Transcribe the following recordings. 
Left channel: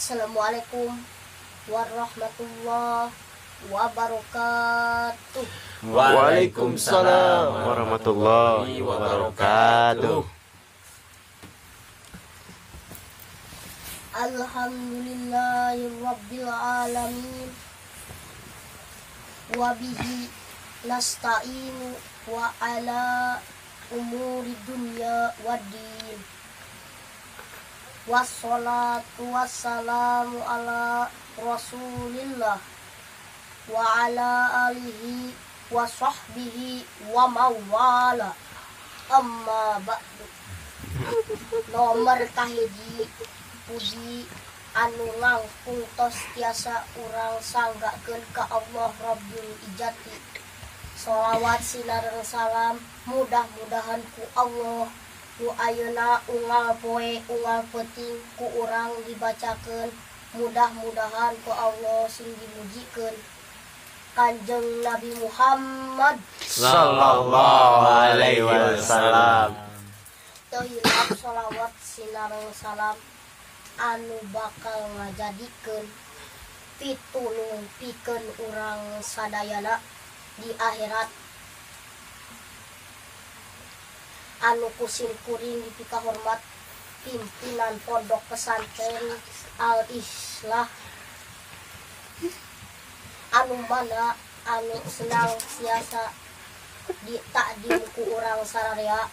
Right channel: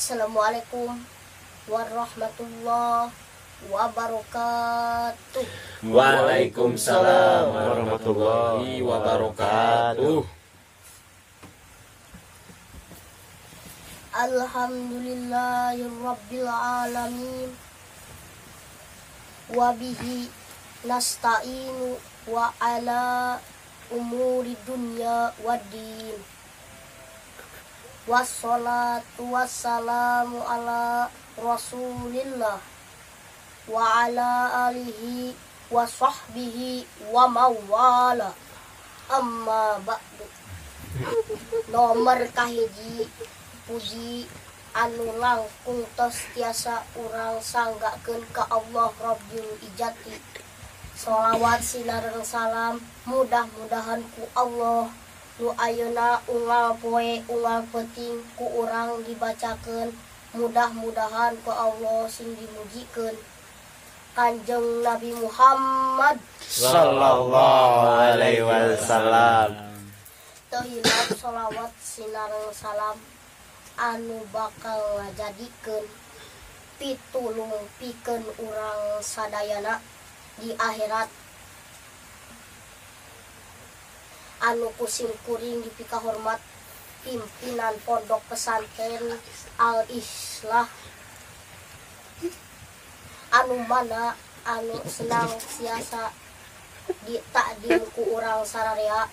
Assalamualaikum warahmatullahi wabarakatuh. Waalaikumsalam warahmatullahi wabarakatuh. Alhamdulillahirabbil alamin. Wa bihi nasta'inu wa ala umuri dunya waddin. Wassalatu wassalamu ala rasulillah wa ala alihi wa sahbihi wa mawala. Amma ba'du. Nomor kahiji puji anu langkung tos tiasa urang sanggakeun ka Allah Rabbul Ijati. Sholawat sinareng salam mudah-mudahan ku Allah nu ayeuna unggal poe unggal peuting ku urang dibacakeun, mudah-mudahan ku Allah sing dimujikeun Kanjeng Nabi Muhammad Sallallahu alaihi wasallam. Teu hilap sholawat sinareng salam anu bakal ngajadikeun pitulung pikeun urang sadayana di akhirat, anu kusim kuring dipika hormat pimpinan pondok pesantren Al Islah, anu mana anu senang siasa ditakdim ku urang sararea.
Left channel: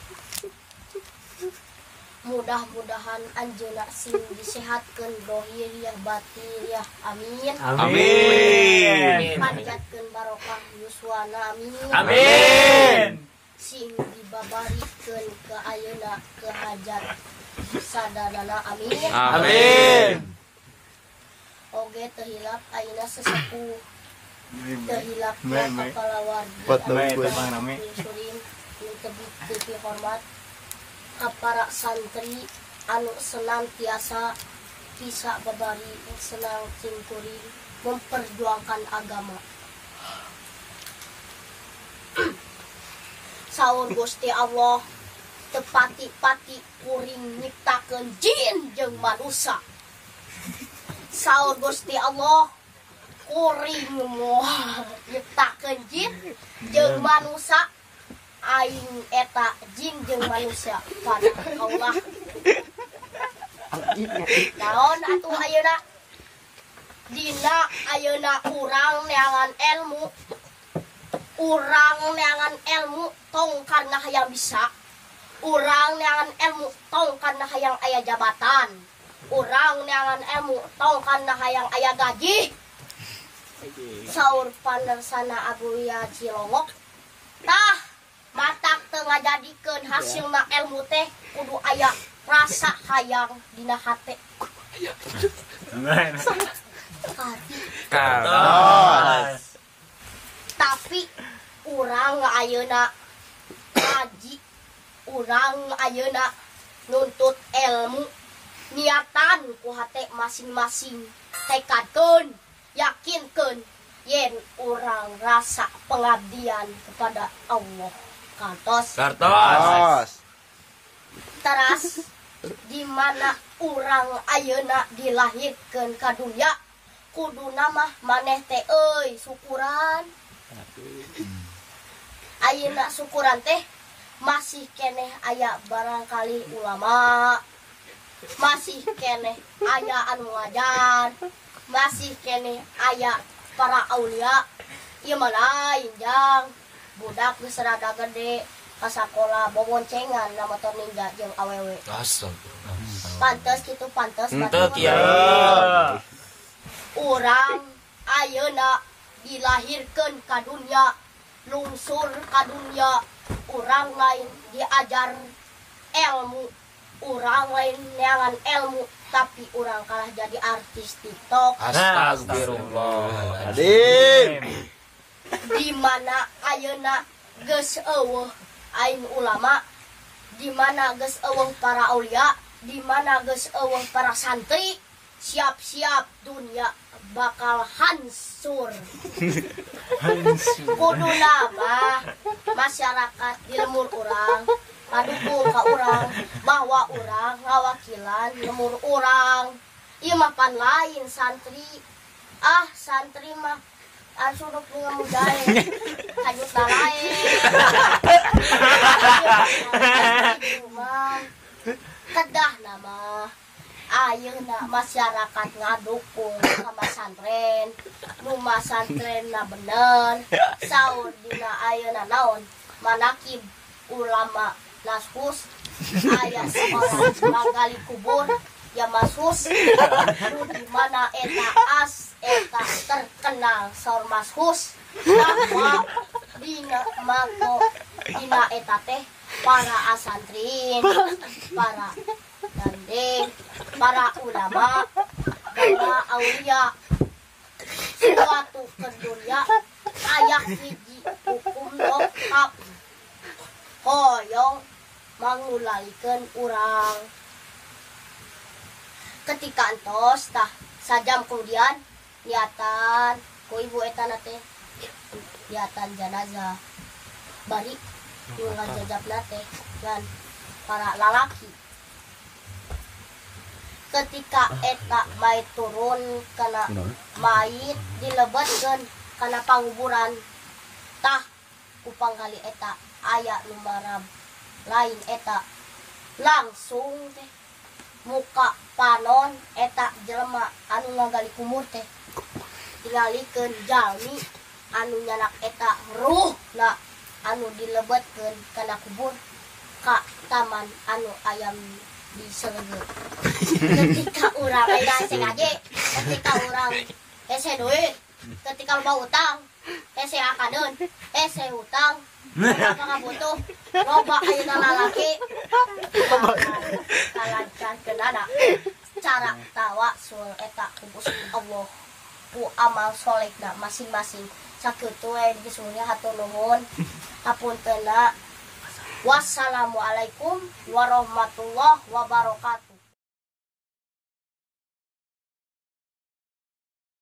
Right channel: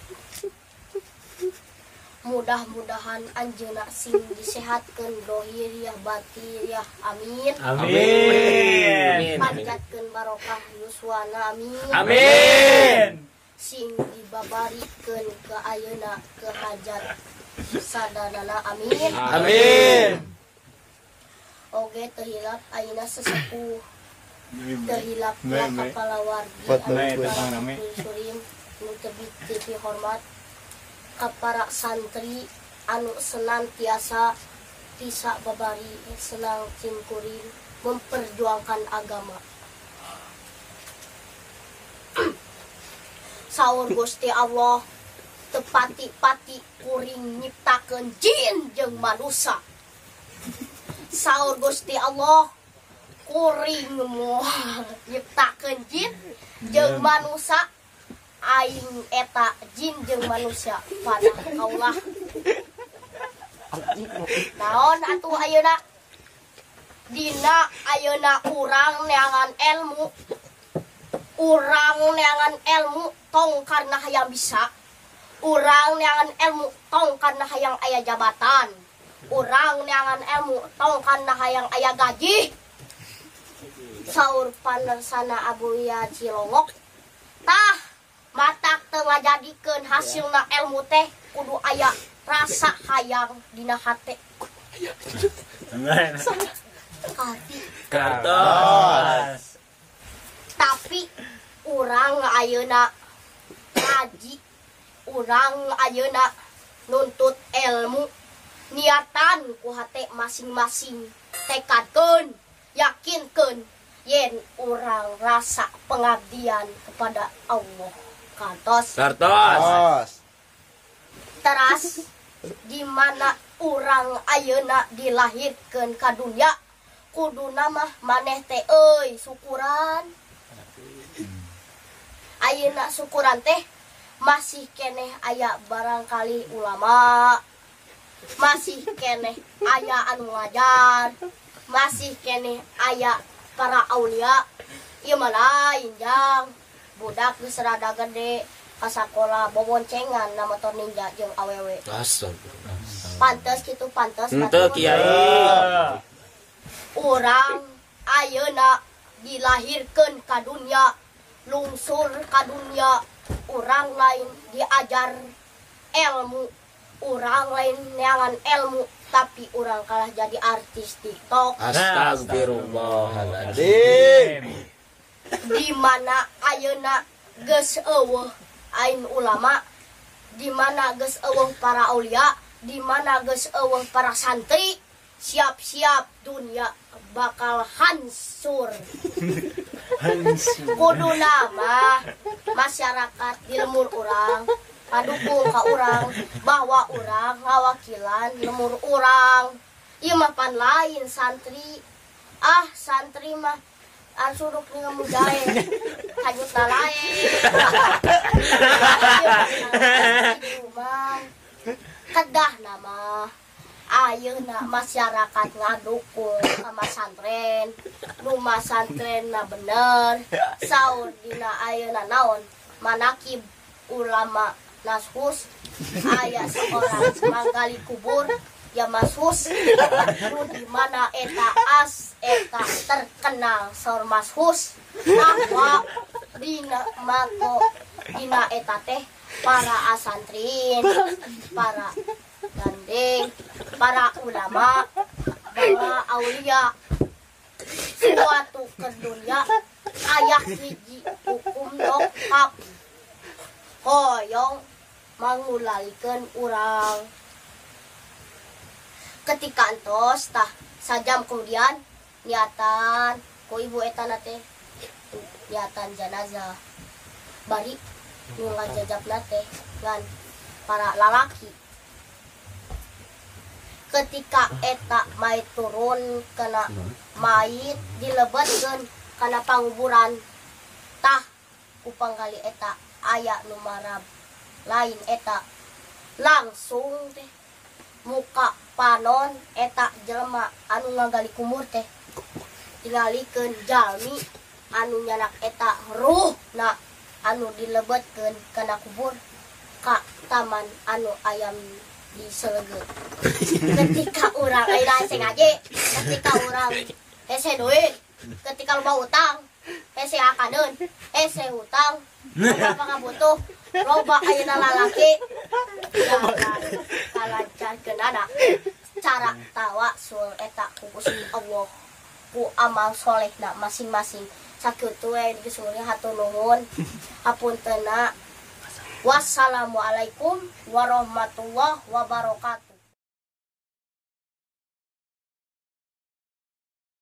Mudah-mudahan anjeuna sing disehatkeun dohiriyah batiniyah, amin. Amin. Panjatkeun barokah yuswana, amin. Amin. Sing dibabarikeun ke ayeuna ke hajat sadanana, amin. Amin. Oge teu hilap ayeuna sesepuh teu hilapna kepala wargi Surim nu teu hormat ka para santri anu senantiasa bisa babari senang cingkuring memperjuangkan agama. Saur Gusti Allah tepati-pati kuring nyiptakeun jin jeung manusia. Saur Gusti Allah kuring moal nyiptakeun jin jeung manusia. Aing eta jin jeung manusia pada Allah. Naon atuh ayeuna? Dina ayeuna urang neangan ilmu. Urang neangan ilmu tong karena hayang bisa. Urang neangan ilmu tong karena hayang aya jabatan. Urang neangan ilmu tong karena hayang aya gaji. Saur panersana Abuya Cilongok. Tah matak teu ngajadikeun hasilna ilmu teh kudu aya rasa hayang dina hate. Katos. Tapi urang ayeuna ngaji, urang ayeuna nuntut ilmu, niatan ku hate masing-masing tekadkeun, yakinkeun yen urang rasa pengabdian kepada Allah. Kantos. Teras di mana urang ayeuna dilahirkeun ka dunya kuduna mah maneh teh euy syukuran. Ayeuna syukuran teh masih keneh aya barangkali ulama, masih keneh aya anu ngajar, masih keneh aya para aulia. Ieu mah lain jang budak geus rada gede ka sakola boboncengan na motor ninja jeung awewe. Pantes kitu pantes. Henteu kiai. Urang ayeuna dilahirkeun ka dunya, lungsur ka dunya, urang lain diajar ilmu, urang lain neangan ilmu, tapi urang kalah jadi artis TikTok. Astagfirullahaladzim. Di mana ayeuna geus eueuh ain ulama, di mana geus eueuh para aulia, di mana geus eueuh para santri, siap-siap dunia bakal hancur. Kuduna mah masyarakat di lemur urang ngadukung ka urang bahwa urang ngawakilan lemur urang Ieu mah pan lain santri. Santri mah suruk dengan mudae kajut lain. Kedah nama ayeuna masyarakat ngadukung sama santren. Nu masantrenna bener. Saur dina ayeuna naon manakib ulama nashus aya seorang manggali kubur ya mashus nu di mana eta terkenal saur mashus bahwa dina mago dina eta teh para asantrin, para gandeng, para ulama, para aulia suatu kedunya ayak hiji hukum dokap hoyong mangulalikeun urang. Ketika entos tah sajam kemudian niatan ku ibu eta teh niatan jenazah bari nu ngajajabna teh ngan para lalaki. Ketika eta mayit turun kana mayit dilebetkeun kana panguburan tah ku panggali eta aya nu marab lain eta langsung teh muka panon eta jelema anu ngagali kumur teh dilalikeun jalmi anu nyanak eta ruh na anu dilebetkeun kana kubur ka taman anu ayam di Selegeu. Ketika urang aya sengaja, ketika urang hese duit, ketika loba utang hese akadeun, hese hutang apa butuh loba ayeuna lalaki kalancankeun ada cara tawasul eta ku Gusti Allah ku amal solehna masing-masing sakitu we disuruh hatur nuhun hapuntenna. Wassalamualaikum warahmatullahi wabarakatuh.